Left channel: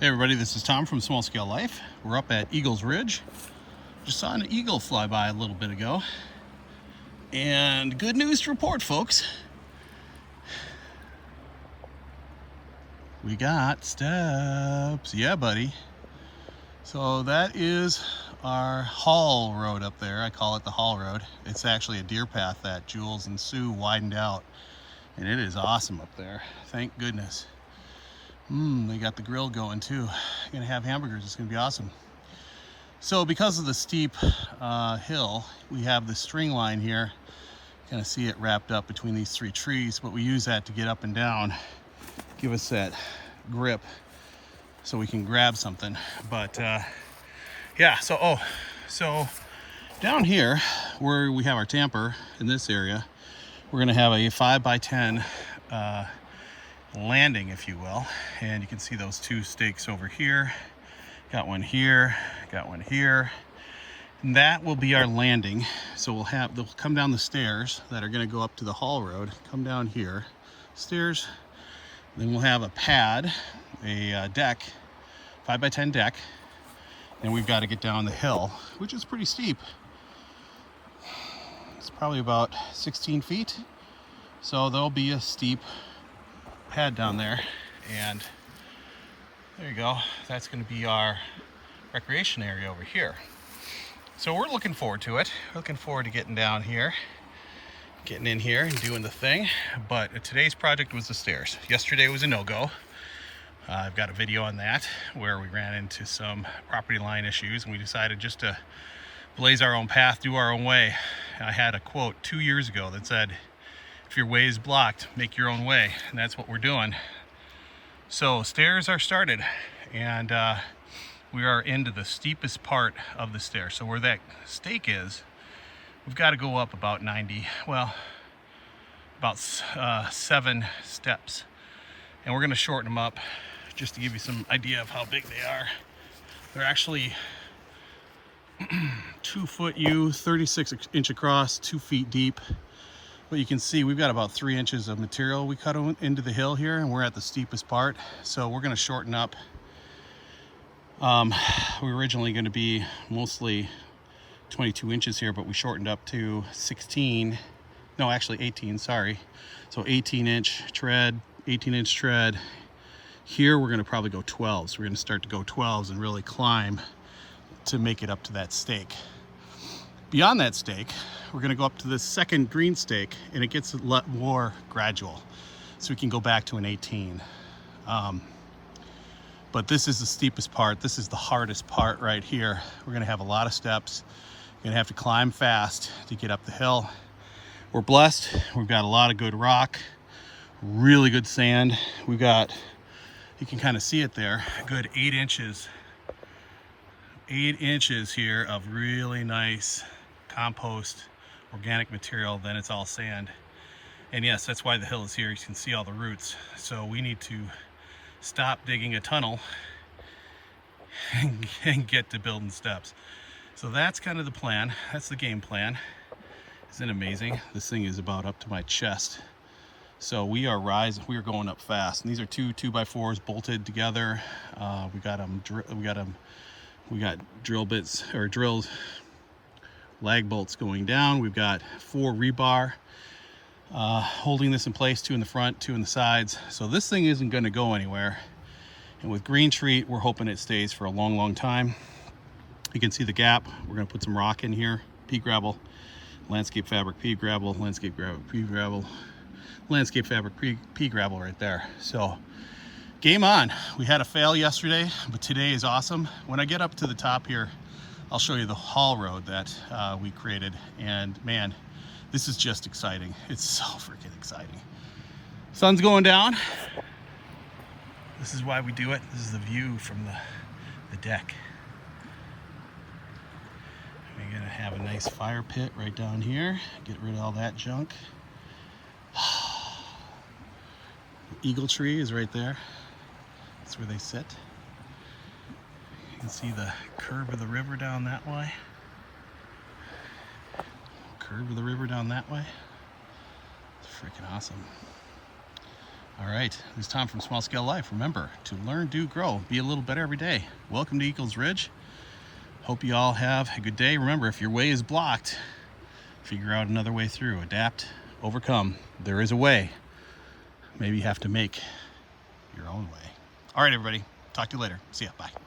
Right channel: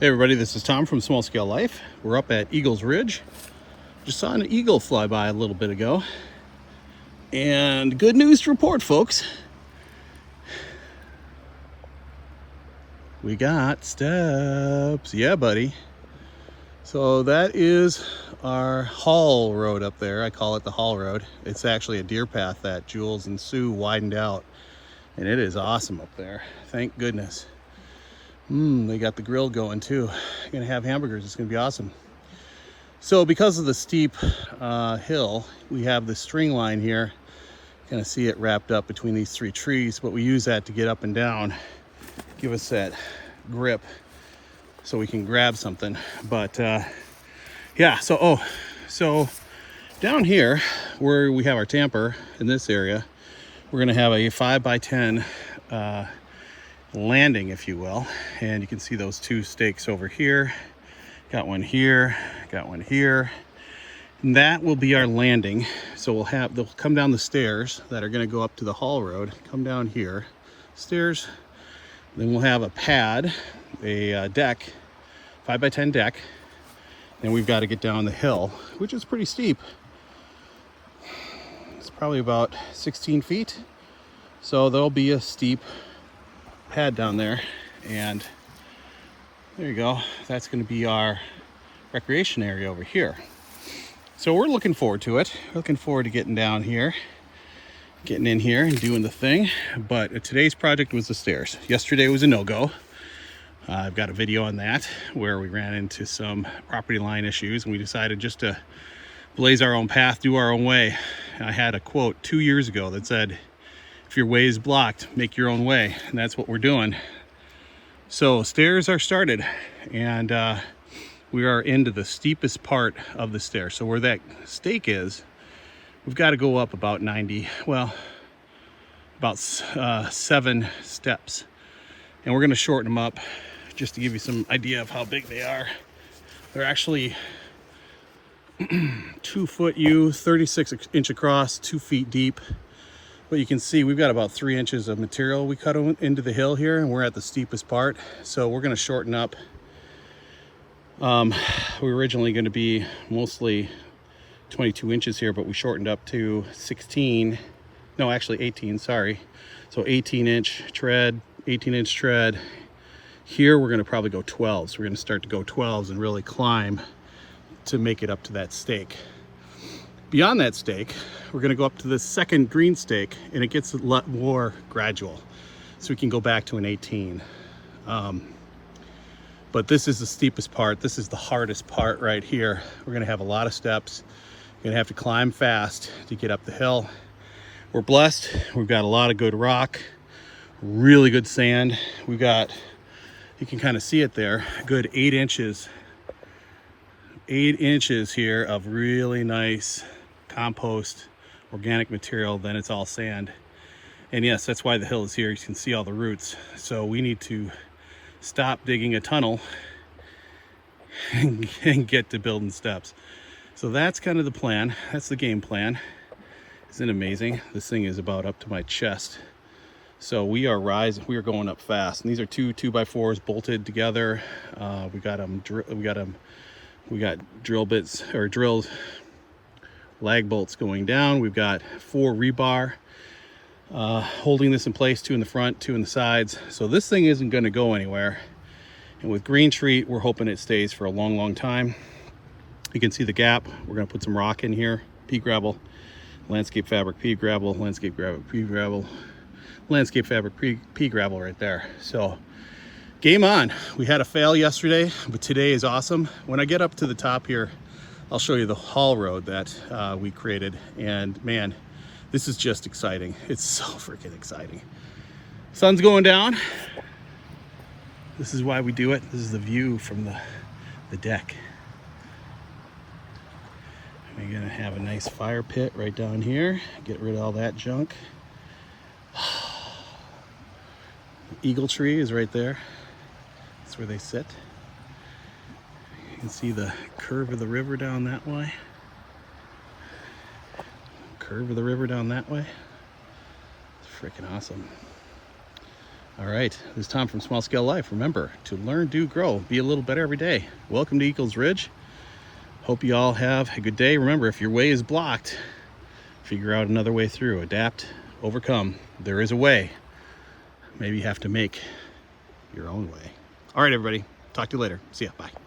Hey everybody, this is Tom from Small Scale Life. We're up at Eagles Ridge. Just saw an eagle fly by a little bit ago. And good news to report, folks. We got steps. Yeah, buddy. So that is our haul road up there. I call it the haul road. It's actually a deer path that Jules and Sue widened out. And it is awesome up there. Thank goodness. They got the grill going too. Gonna have hamburgers, it's gonna be awesome. So because of the steep hill, we have the string line here. Kind of see it wrapped up between these three trees, but we use that to get up and down, give us that grip so we can grab something. But yeah, so down here where we have our Tamper in this area, we're gonna have a 5x10 landing, if you will, and you can see those two stakes over here. Got one here, got one here, and that will be our landing. So they'll come down the stairs that are going to go up to the haul road, come down here, stairs, then we'll have a pad, a deck, 5x10 deck, and we've got to get down the hill, which is pretty steep. It's probably about 16 feet, so there'll be a steep pad down there, and there you go. That's going to be our recreation area over here. So we're looking forward to it. Looking forward to getting down here, getting in here and doing the thing. But today's project was the stairs. Yesterday was a no-go. I've got a video on that where we ran into some property line issues and we decided just to blaze our own path, do our own way. I had a quote 2 years ago that said, if your way is blocked, make your own way. And that's what we're doing. So stairs are started, and we are into the steepest part of the stair. So where that stake is, we've got to go up about 7 steps. And we're going to shorten them up just to give you some idea of how big they are. They're actually 2 foot U, 36 inch across, 2 feet deep. But you can see we've got about 3 inches of material we cut into the hill here, and we're at the steepest part. So we're going to shorten up. We're originally going to be mostly 22 inches here, but we shortened up to 18, sorry. So 18 inch tread. Here we're going to probably go 12. So we're going to start to go 12s and really climb to make it up to that stake. Beyond that stake, we're going to go up to the second green stake, and it gets a lot more gradual. So we can go back to an 18. But this is the steepest part. This is the hardest part right here. We're going to have a lot of steps. You're going to have to climb fast to get up the hill. We're blessed. We've got a lot of good rock, really good sand. We got, you can kind of see it there, a good 8 inches. 8 inches here of really nice compost organic material. Then it's all sand, and yes, that's why the hill is here. You can see all the roots. So we need to stop digging a tunnel and get to building steps. So that's kind of the plan. That's the game plan. Isn't it amazing? This thing is about up to my chest. So we are rising. We are going up fast, and these are 2 2x4s bolted together. We got drill bits, or drilled lag bolts going down. We've got 4 rebar holding this in place, 2 in the front, 2 in the sides. So this thing isn't going to go anywhere. And with green treat, we're hoping it stays for a long time. You can see the gap. We're going to put some rock in here, pea gravel, landscape fabric, pea gravel, landscape gravel, pea gravel, landscape fabric, pea gravel right there. So game on. We had a fail yesterday, but today is awesome. When I get up to the top here, I'll show you the haul road that we created, and man, this is just exciting. It's so freaking exciting. Sun's going down. This is why we do it. This is the view from the deck. We're gonna have a nice fire pit right down here. Get rid of all that junk. The eagle tree is right there. That's where they sit. You can see the curve of the river down that way. Freaking awesome. All right, this is Tom from Small Scale Life. Remember to learn, do, grow, be a little better every day. Welcome to Eagles Ridge. Hope you all have a good day. Remember, if your way is blocked, figure out another way through. Adapt, overcome. There is a way. Maybe you have to make your own way. All right, everybody. Talk to you later. See ya. Bye.